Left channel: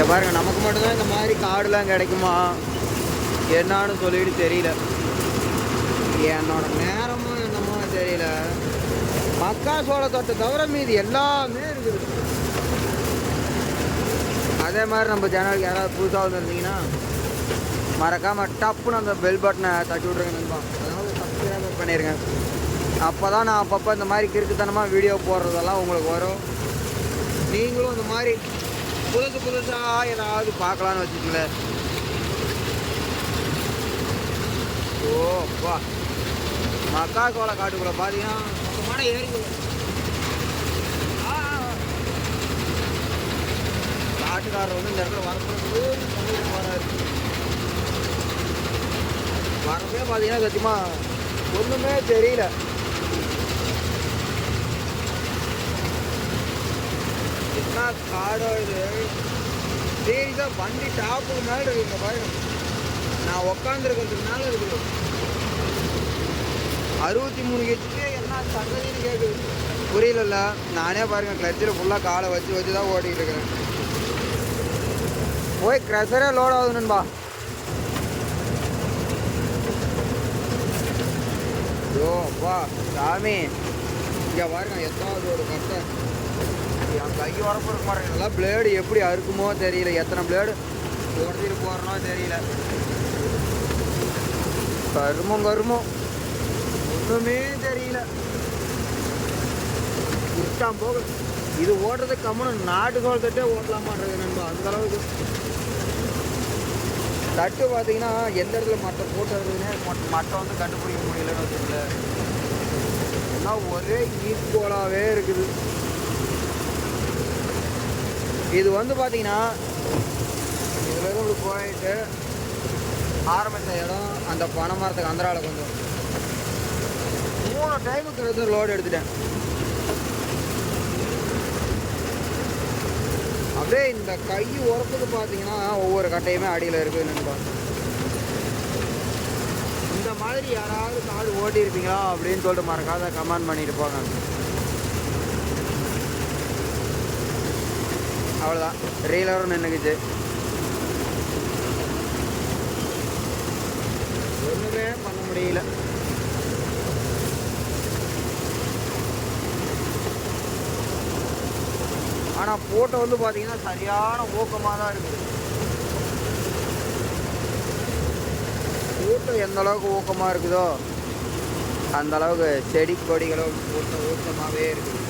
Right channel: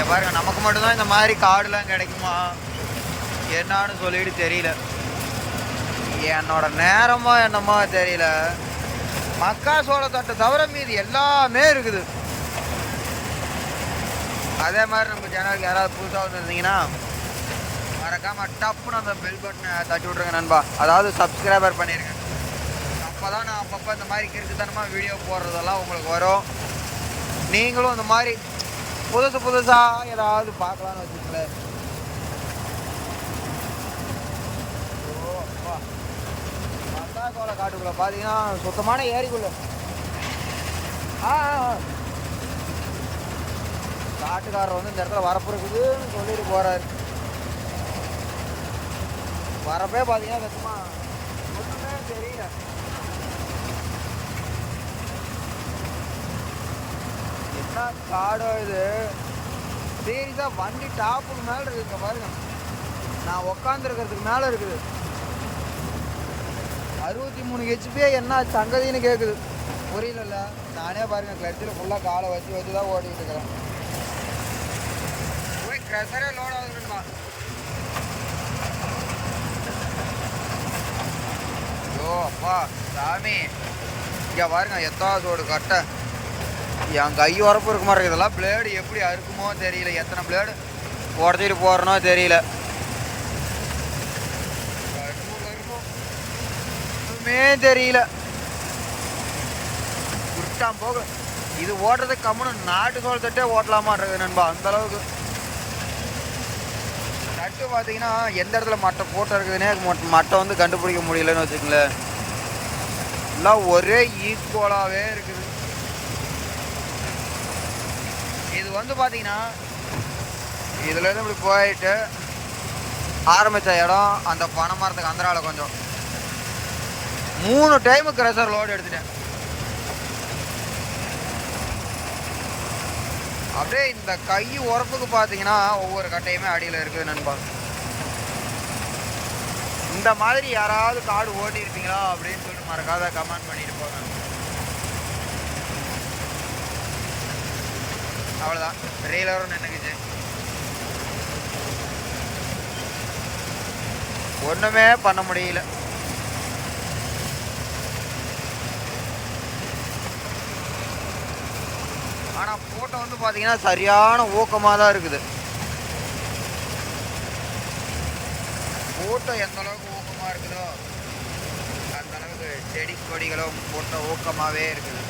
இங்கே பாருங்கள் நமக்கு மட்டும்தான் இந்த மாதிரி காடுலாம் கிடைக்குமா? என்னான்னு சொல்லிட்டு தெரியல. என்னோட நேரமோ என்னமோ தெரியல. மக்கா சோளத்தட்டை தவிர மீது எல்லாமே இருக்குது. அதே மாதிரி நம்ம சேனலுக்கு யாராவது புதுசாக வந்துருந்தீங்கன்னா மறக்காமல் டப்புன்னு அந்த பெல் பட்டனை தட்டி விட்ருங்க நண்பா. அதாவது சப்ஸ்கிரைபர் பண்ணிடுங்க அப்போ தான் நான் அப்பப்போ இந்த மாதிரி கிறுக்குத்தனமாக வீடியோ போடுறதெல்லாம் உங்களுக்கு வரும். நீங்களும் இந்த மாதிரி புதுசு புதுசாக ஏதாவது பார்க்கலான்னு வச்சுக்கங்களேன். ஓ அப்பா மக்கா சோள காட்டுக்குள்ளே பார்த்தீங்கன்னா சுத்தமான ஏரிக்குள்ள காட்டுக்காரர் வந்து இந்த இடத்துல வரப்பு இருக்குது சொல்லிட்டு போகிறாரு வரப்பே பார்த்தீங்கன்னா சத்தியமாக ஒன்றுமே தெரியல. என்ன காடோ இது? சீரியஸாக வண்டி டாப்புக்கு மேலே இருக்குங்க பாருங்க. நான் உக்காந்துருக்கிறதுக்கு மேலே இருக்குது. அறுபத்தி மூணு ஹெச்பி என்ன சங்கதின்னு கேட்குது புரியலல்ல. நானே பாருங்க கிளச்சில் ஃபுல்லாக காலை வச்சு வச்சு தான் ஓட்டிகிட்டு இருக்கிறேன். போய் க்ரெஷரே லோட் ஆகுதுன்பா ஐயோ அப்பா சாமி. இங்கே பாருங்க எத்தாவது ஒரு கட்டை. என் கை உரப்பு இருக்க மாதிரி இதெல்லாம் பிளேடு எப்படி அறுக்குமோ தெரியல. எத்தனை பிளேடு உடச்சிட்டு போகிறனோ தெரியல. கருமும் கருமும். ஒன்றுமே தெரியல. குருட்டாம் போக இது ஓட்டுறது கம்முன்னு நாட்டு தட்டே ஓட்டலாமான்றது நண்பா அந்த அளவுக்கு. தட்டு பார்த்தீங்கன்னா எந்த இடத்துல மட்டை போட்டு இருக்குதுன்னே மட்டை வந்து கண்டுபிடிக்க முடியலன்னு வச்சுங்களேன் எல்லாம் ஒரே ஈக்குவலாகவே இருக்குது. இது வந்து பார்த்தீங்கன்னா இதுலேருந்து இப்படி போயிட்டு ஆரம்பித்த இடம் அந்த பனை மரத்துக்கு அந்தரால கொஞ்சம். மூணு டைமு க்ரெஷர் லோடு எடுத்துட்டேன். அப்படியே இந்த கை உரப்புக்கு பார்த்தீங்கன்னா ஒவ்வொரு கட்டையுமே அடியில் இருக்குது நினைப்பாங்க இந்த மாதிரி யாராவது காடு ஓட்டியிருப்பீங்களா அப்படின்னு சொல்லிட்டு மறக்காத கமெண்ட் பண்ணிட்டு போங்க. அவ்வளோதான் ரீலரும் நின்றுக்குச்சு ஒன்றுமே பண்ண முடியல. ஆனால் போட்டோ வந்து பார்த்தீங்கன்னா சரியான ஊக்கமாக தான் இருக்குது. போட்டோ எந்த அளவுக்கு ஊக்கமாக இருக்குதோ அந்த அளவுக்கு செடி கொடிகளும் போட்டோ ஊக்கமாகவே இருக்குது.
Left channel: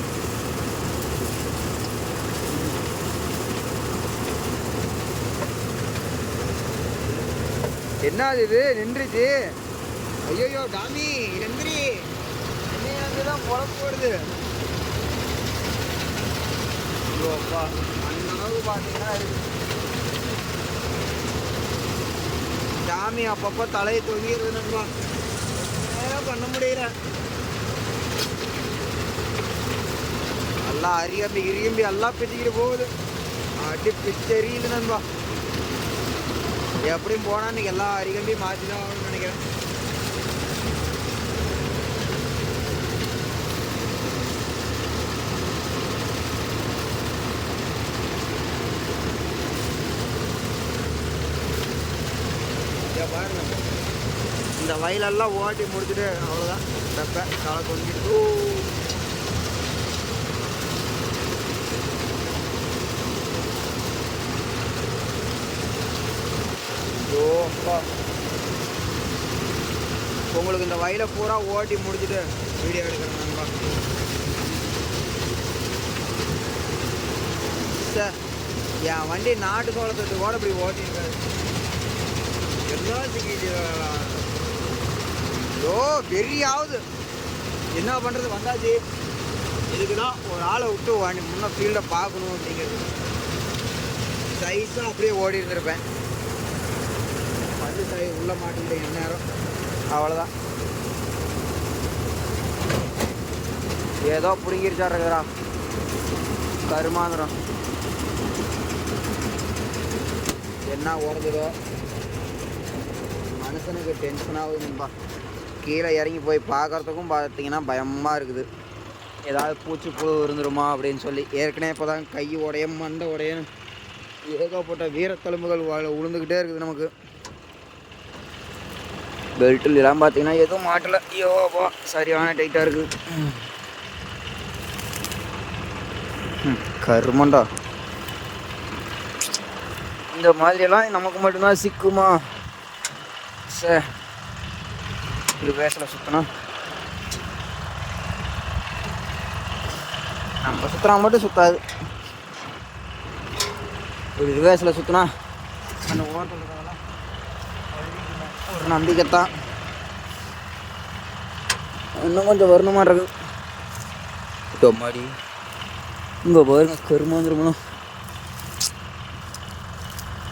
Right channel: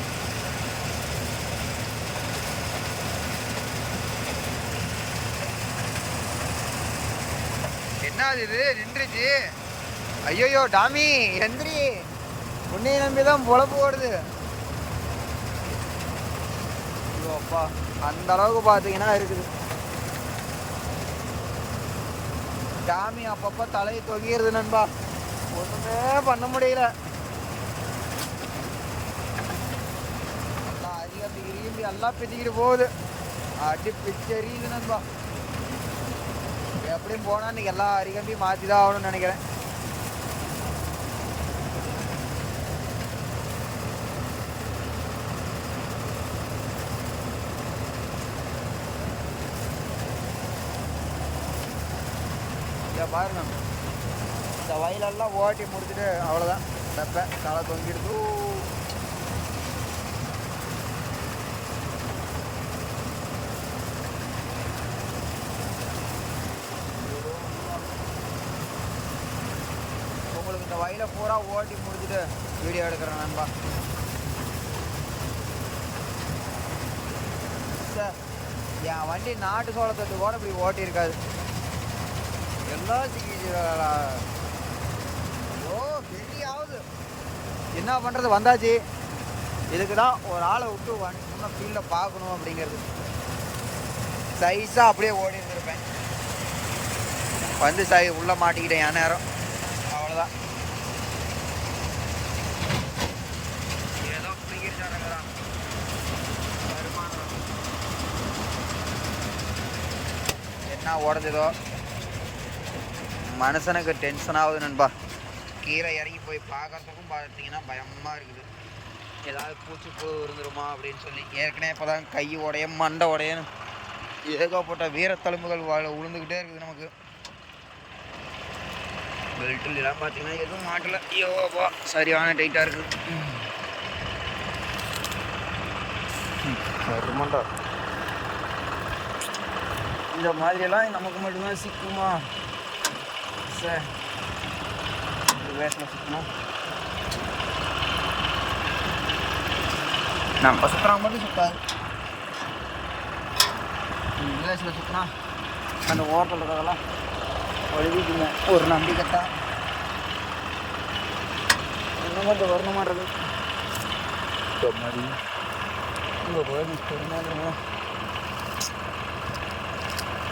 என்னது இது? நின்றுச்சு. ஐயோயோ டாமி எந்திரி. என்னைய நம்பி தான் பொழப்பு ஓடுது. ஐயோ அப்பா. அந்த அளவுக்கு பார்த்தீங்கன்னா இருக்குது. டாமி அப்பப்போ தலையை தொங்கிடுது நண்பா. ஒன்றுமே பண்ண முடியல. எல்லாம் அரியம்பி இரியம்பி எல்லாம் பிச்சுக்கிட்டு போகுது. அடி பிச்செறியுது நண்பா. எப்படியும் போனால் இன்றைக்கி எல்லா அரிகம்பி மாற்றி தான் ஆகணும்னு நினைக்கிறேன். இங்க பாருங்க. இந்த வயலெல்லாம் ஓட்டி முடிச்சுட்டு அவ்வளோதான் வெப்ப தலை தொங்கிடுது ஐயோ உங்களுக்கு இந்த வயலை பூரா ஓட்டி முடிச்சுட்டு வீடியோ எடுக்கிறேன் நண்பா. சார் என் வண்டி நாட்டு சோளத்தொட்டு கூட இப்படி ஓட்டியிருக்காது எல்லாம் சிக்கிச்சு ஐயோ பெரிய ஆகுது என்ன பண்ணுறது வந்தாச்சு. இதுக்கு தான் ஒரு ஆளை விட்டு வண்டி முன்ன ஃபீல்டை பார்க்கணும் அப்படிங்கிறது. சைஸாக அப்படியே ஓடி இருந்திருப்பேன் வந்து சாய் உள்ளே மாட்டிக்கிட்டேன் என் நேரம். அவ்வளோதான் ஏதோ பிடிக்கிருச்சாருக்கிறான் கருமாந்திரம். என்ன உடஞ்சதோ மனுஷனுக்கு டென்ஷன் ஆகுது நண்பா. கீழே இறங்கி போய் பார்க்கறதுக்கும் பார்த்தீங்கன்னா பயமாக இருக்குது. ஏதாவது பூச்சி புழு இருந்துருமா அப்படின்னு சொல்லி. ஏற்கனவே இப்போ தான் கை உடையும் மண்டை உடையும் ஏகப்பட்ட வீரத்தழும்புகள் வாழ உளுந்துக்கிட்டே இருக்குது நமக்கு. பெல்ட்டில் எல்லாம் பார்த்தீங்கன்னா எதுவும் மாட்டல. ஐயோப்பா சரியான டைட்டாக இருக்குது கருமண்டா. இந்த மாதிரியெல்லாம் நமக்கு மட்டும்தான் சிக்குமா? சே இது வேஷத்தில் சுத்தணும் நம்ம சுற்றுறா மட்டும் சுத்தாது. இது வேஷத்தில் சுற்றினா அந்த ஓரத்தில் இருக்கிறதெல்லாம் வழுவிக்குங்க ஒரு நம்பிக்கை தான் இன்னும் கொஞ்சம் வரணுமான்றது இப்போ மாதிரி இங்கே பாருங்க கருமா வந்துருமணும்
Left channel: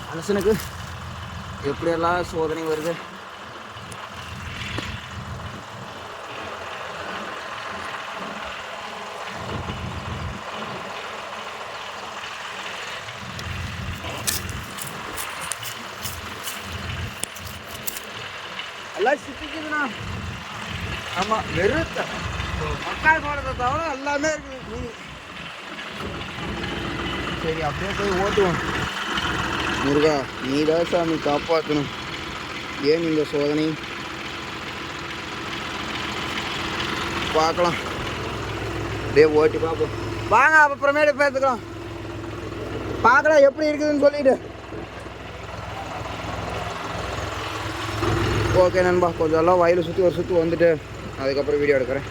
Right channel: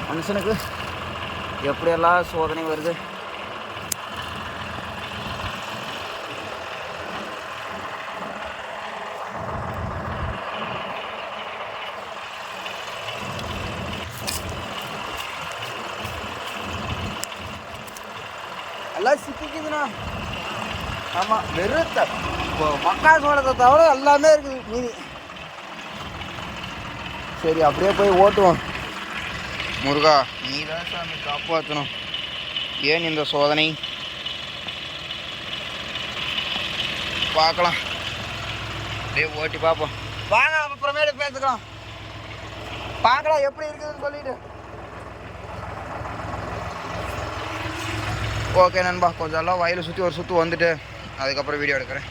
மனுஷனுக்கு எப்படியெல்லாம் சோதனை வருது? எல்லாம் சிக்கிக்குதுண்ணா. ஆமாம் வெறுத்த. மக்கா சோளத்தை தவிர எல்லாமே இருக்குது மீதி. சரி அப்படியே போய் ஓட்டுவோம். முருகா நீதான் சாமி காப்பாற்றணும் ஏன் இந்த சோதனை? பார்க்கலாம். அப்படியே ஓட்டி பார்ப்போம். வாங்க அப்புறமேட்டு பேசுக்கலாம். பார்க்கலாம் எப்படி இருக்குதுன்னு சொல்லிட்டு. ஓகே நண்பா கொஞ்சம் எல்லாம் வயலை சுற்றி ஒரு சுற்று வந்துட்டு அதுக்கப்புறம் வீடியோ எடுக்கிறேன்.